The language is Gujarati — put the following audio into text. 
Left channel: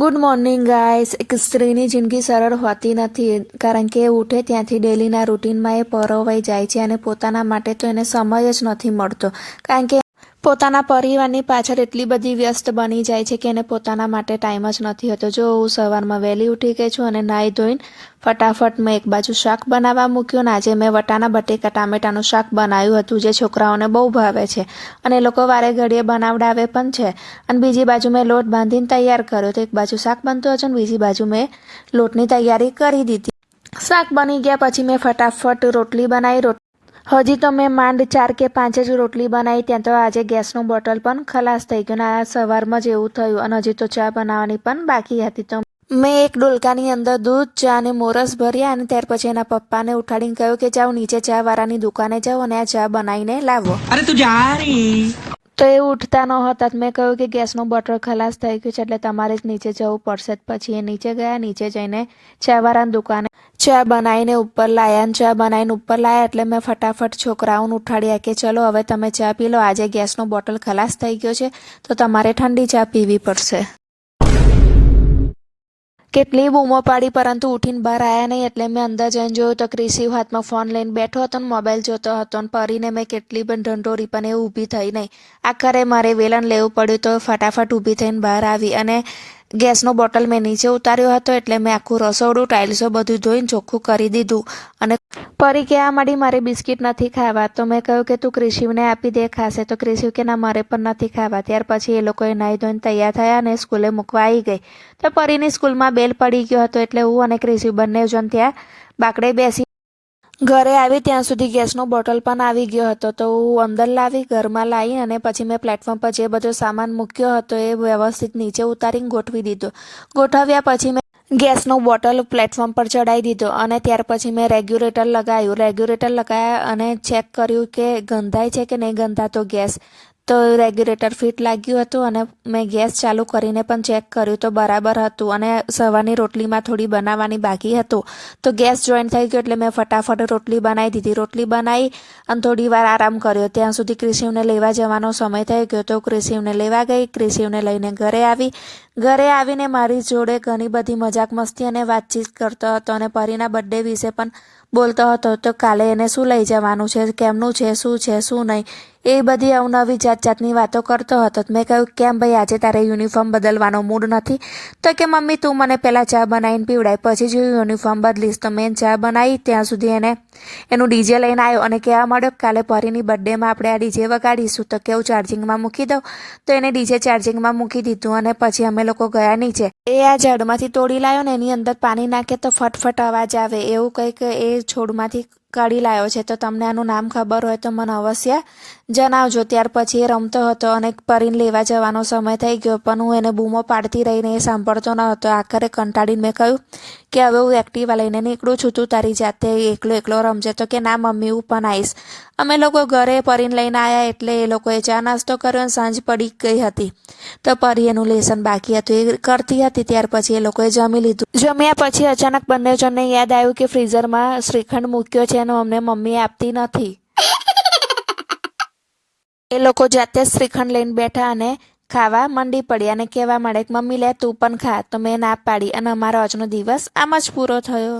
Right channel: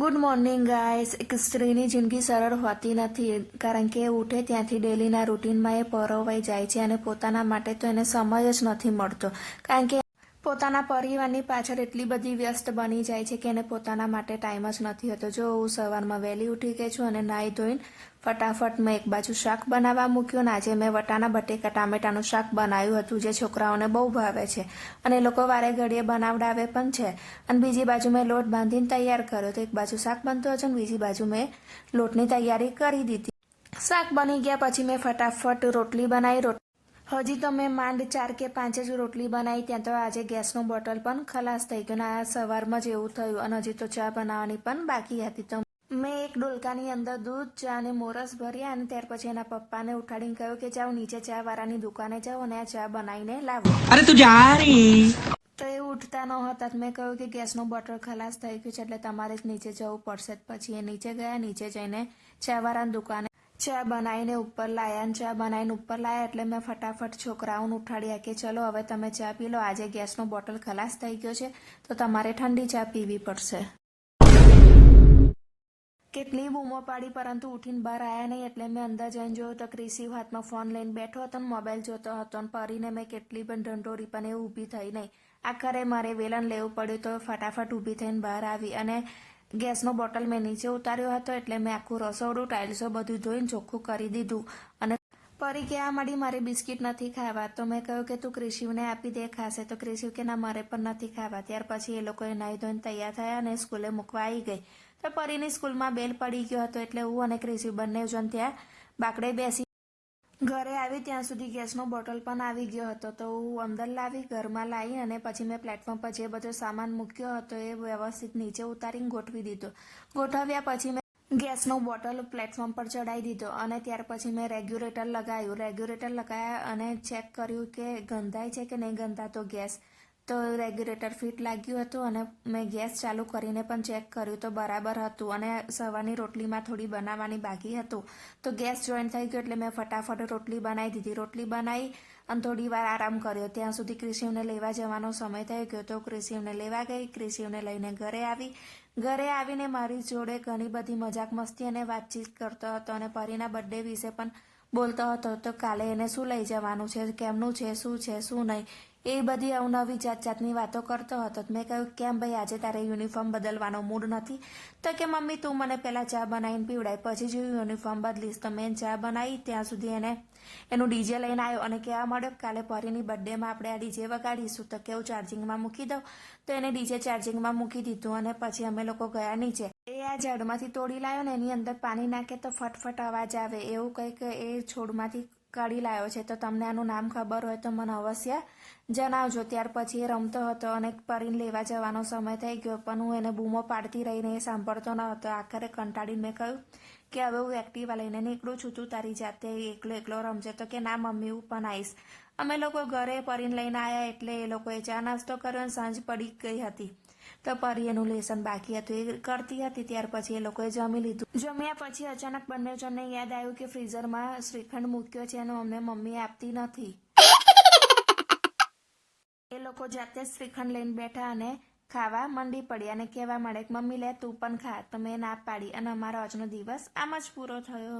Good morning guys. એક સ્ત્રીની જિંદગી સરળ હોતી નથી, કારણ કે એ ઉઠે ત્યાંથી ડેલીના રૂટીનમાં એ પરોવાઈ જાય છે અને પોતાના માટે તો એને સમય જ નથી મળતો, કારણ કે પોતાના પરિવારની પાછળ એટલી બધી વ્યસ્ત બની જાય છે કે એને પોતાના માટે ટાઈમ જ નથી હોતો. જો હું સવારમાં વહેલી ઉઠી ગઈ છું અને નાહી ધોઈને ફટાફટ મેં એક બાજુ શાક બનાવવા મૂક્યું. આજે મેં વટાણા બટેકા ટામેટાનું શાક બનાવ્યું હતું, જે છોકરાઓને બહુ ભાવે છે અને એ લોકો વારે ઘડીએ બનાવડાવે પણ છે. અને બીજી બાજુ મેં લોટ બાંધીને તૈયાર કર્યો, તો એક બાજુ શાક બનતું હતું અને બીજી બાજુ મેં લોટની તૈયારી કરી દીધી. શાક બની ગયા પછી મેં ફટાફટ રોટલી બનાવી. હજી તો મેં માંડ 4 કે 5 જ રોટલી બનાવી, ત્યાં તો આજે ગેસનું બોટલ પણ ખલાસ થઈ ગયું. આ સવારમાં જ એવું થયું અને હજી તો ચા બનાવવાની પણ બાકી હતી. તો મેં એક ડોલકાની અંદર દૂધ, ચા અને મોરસ ભર્યા અને ત્યાર પછી એના પપ્પાને ઉઠાડીને કહ્યું કે જાઓ નીચે ચા વાળાની દુકાને જાઓ અને આ ચા બનાવીને લાવો. અરે તું જા રહી. તો એ ઉઠતા ન હતા. મેં કહ્યું કે ગેસનું બોટલ ખલાસ થઈ ગયું છે એટલે તમારે જ નીચે જવું પડશે. પછી એ નીચે ગયા. નીચે જઈને ચાવાળાની દુકાને ચા બનાવીને ઉપર લાયા. ચા બનાવીને ઉપર લાયા એટલે મેં ફટાફટ છોકરાઓને ઉઠાડ્યા કે ચલો હવે તમે ચા પી લો, આજે ગેસનો બોટલ ખલાસ થઈ ગયો છે તો તમારે ઠંડી ચા પીવી પડશે. કેટલી બૂમો પાડી પરંતુ ઉઠીને બહાર આવ્યા નહીં, એટલે મેં અંદર જઈને જોયું તો ક્રિશિવ હાથમાં ફોન લઈને બેઠો હતો ને મોબાઈલ જોતો હતો. અને પરીને મેં કેટલી પણ ઢંઢોરી પણ એ ઊભી થઈ નહીં. આખરે મારે વેલણ લેવું પડ્યું તો ફટાફટ ઊભી થઈને બહાર આવી અને ગેસનો બોટલ મેં નીચે ઉતાર્યો હતો એટલે મેં આખું રસોડું ટાઇલ્સો બધું ધોઈને ચોખ્ખું કરી દીધું. અને પરી કહેવા માંડી મારે બિસ્કિટ નથી ખાવા. તો મેં કહ્યું કે તું ક્રિશિવને આપી દે, ખાશે. તો ક્રિશિવ કે ના મારે પણ નથી ખાવા. ત્યાર પછી એ લોકોએ નાહી ધોઈને તૈયાર થયા અને સ્કૂલે મૂકવા આવી ગઈ. તો પરીની સ્કૂલમાં બેલ પડી ગયો હતો એટલે હું અને ક્રિશિવ બંને જણ ત્યાં બાકડે બેસી. ઘરે આવી ત્યાં સુધી ગેસનો બોટલ પણ આવી ગયો હતો. તો હું અંદર લાવી, ઘરમાં લાવી અને પછી મેં પ્લેટફોર્મ પર જે બધો સામાન મૂક્યો હતો એ વ્યવસ્થિત નીચે ઉતારીને ગોઠવી દીધો. ગોઠવ્યા પછી મેં ગેસનો બોટલ પ્લેટફોર્મ પર ચડાવી દીધો અને ત્યાર પછી મેં રેગ્યુલેટર લગાવ્યું. રેગ્યુલેટર લગાવ્યા અને ચેક કર્યું કે ગંધાય છે કે નહીં ગંધાતો ગેસ. તો રેગ્યુલેટર ફિટ લાગ્યું હતું અને મેં ગેસ ચાલુ કરીને પણ ચેક કર્યું તો બરાબર હતું. અને સવારની રોટલીમાં થોડી બનાવવાની બાકી હતું તો ગેસ જોઈન્ટ થઈ ગયો એટલે મેં ફટાફટ રોટલી બનાવી દીધી. રોટલી બનાવી અને થોડી વાર આરામ કર્યો. ત્યાં સુધી ક્રિશિવને લેવા જવાનો સમય થઈ ગયો તો ક્રિશિવને લેવા ગઈ. ક્રિશિવને લઈને ઘરે આવી. ઘરે આવીને મારી જોડે ઘણી બધી મજાક મસ્તી અને વાતચીત કરતો હતો અને પરીના બર્થડે વિશે પણ બોલતો હતો. તો કાલે એને શું લઈ જવાનું છે, કેમનું છે, શું નહીં, એ બધી અવનવી જાતની વાતો કરતો હતો. મેં કહ્યું કેમ ભાઈ આજે તારે યુનિફોર્મ બદલવાનો મૂડ નથી? તો કે મમ્મી તું મને પહેલાં ચા બનાવીને પીવડાય પછી જ યુનિફોર્મ બદલીશ. તો મેં ચા બનાવી ત્યાં સુધી એનું ડીજે લઈને આવ્યો અને કહેવા માંડ્યો કાલે પરીની બર્થડેમાં આપણે આ ડીજે વગાડીશું. તો કેવું ચાર્જિંગમાં મૂકી દઉં? તો એને ડીજે ચાર્જિંગમાં મૂકી દીધું અને પછી અમે લોકો ગયા નીચે. એ આ ઝાડમાંથી તોડી લાવ્યો ને એની અંદર પાણી નાખે તો ફટફટ અવાજ આવે એવું કંઈક એ છોડમાંથી કાઢી લાવ્યો છે. તો તમને આનું નામ ખબર હોય તો મને અવશ્ય જણાવજો. ત્યાર પછી એ રમતો હતો અને પરીને લેવા જવાનો સમય થઈ ગયો પણ હું એને બૂમો પાડતી રહીને એ સાંભળતો ન હતો. આખરે કંટાળીને મેં કહ્યું કે હવે હું એક્ટિવા લઈને નીકળું છું, તું તારી જાતે એકલો રમજે. તો કે ના મમ્મી હું પણ આવીશ. અમે લોકો ઘરે પરીને લઈને આવ્યા એટલે એ લોકોએ ચા નાસ્તો કર્યો અને સાંજ પડી ગઈ હતી. તો પરી એનું લેસન બાકી હતું એ કરતી હતી. ત્યાર પછી એ લોકોએ જમી લીધું. જમ્યા પછી અચાનક બંને જણને યાદ આવ્યું કે ફ્રીઝરમાં શ્રીખંડ મૂક્યો છે અને અમને મમ્મી આપતી નથી. એ લોકો જાતે જ શ્રીખંડ લઈને બેઠા અને ખાવા મંડી પડ્યા અને કહેવા માંડ્યા કે મમ્મી લે તું પણ ખા. તો મેં ના પાડી અને અમારો આજનો દિવસ આમ જ પૂરો થયો.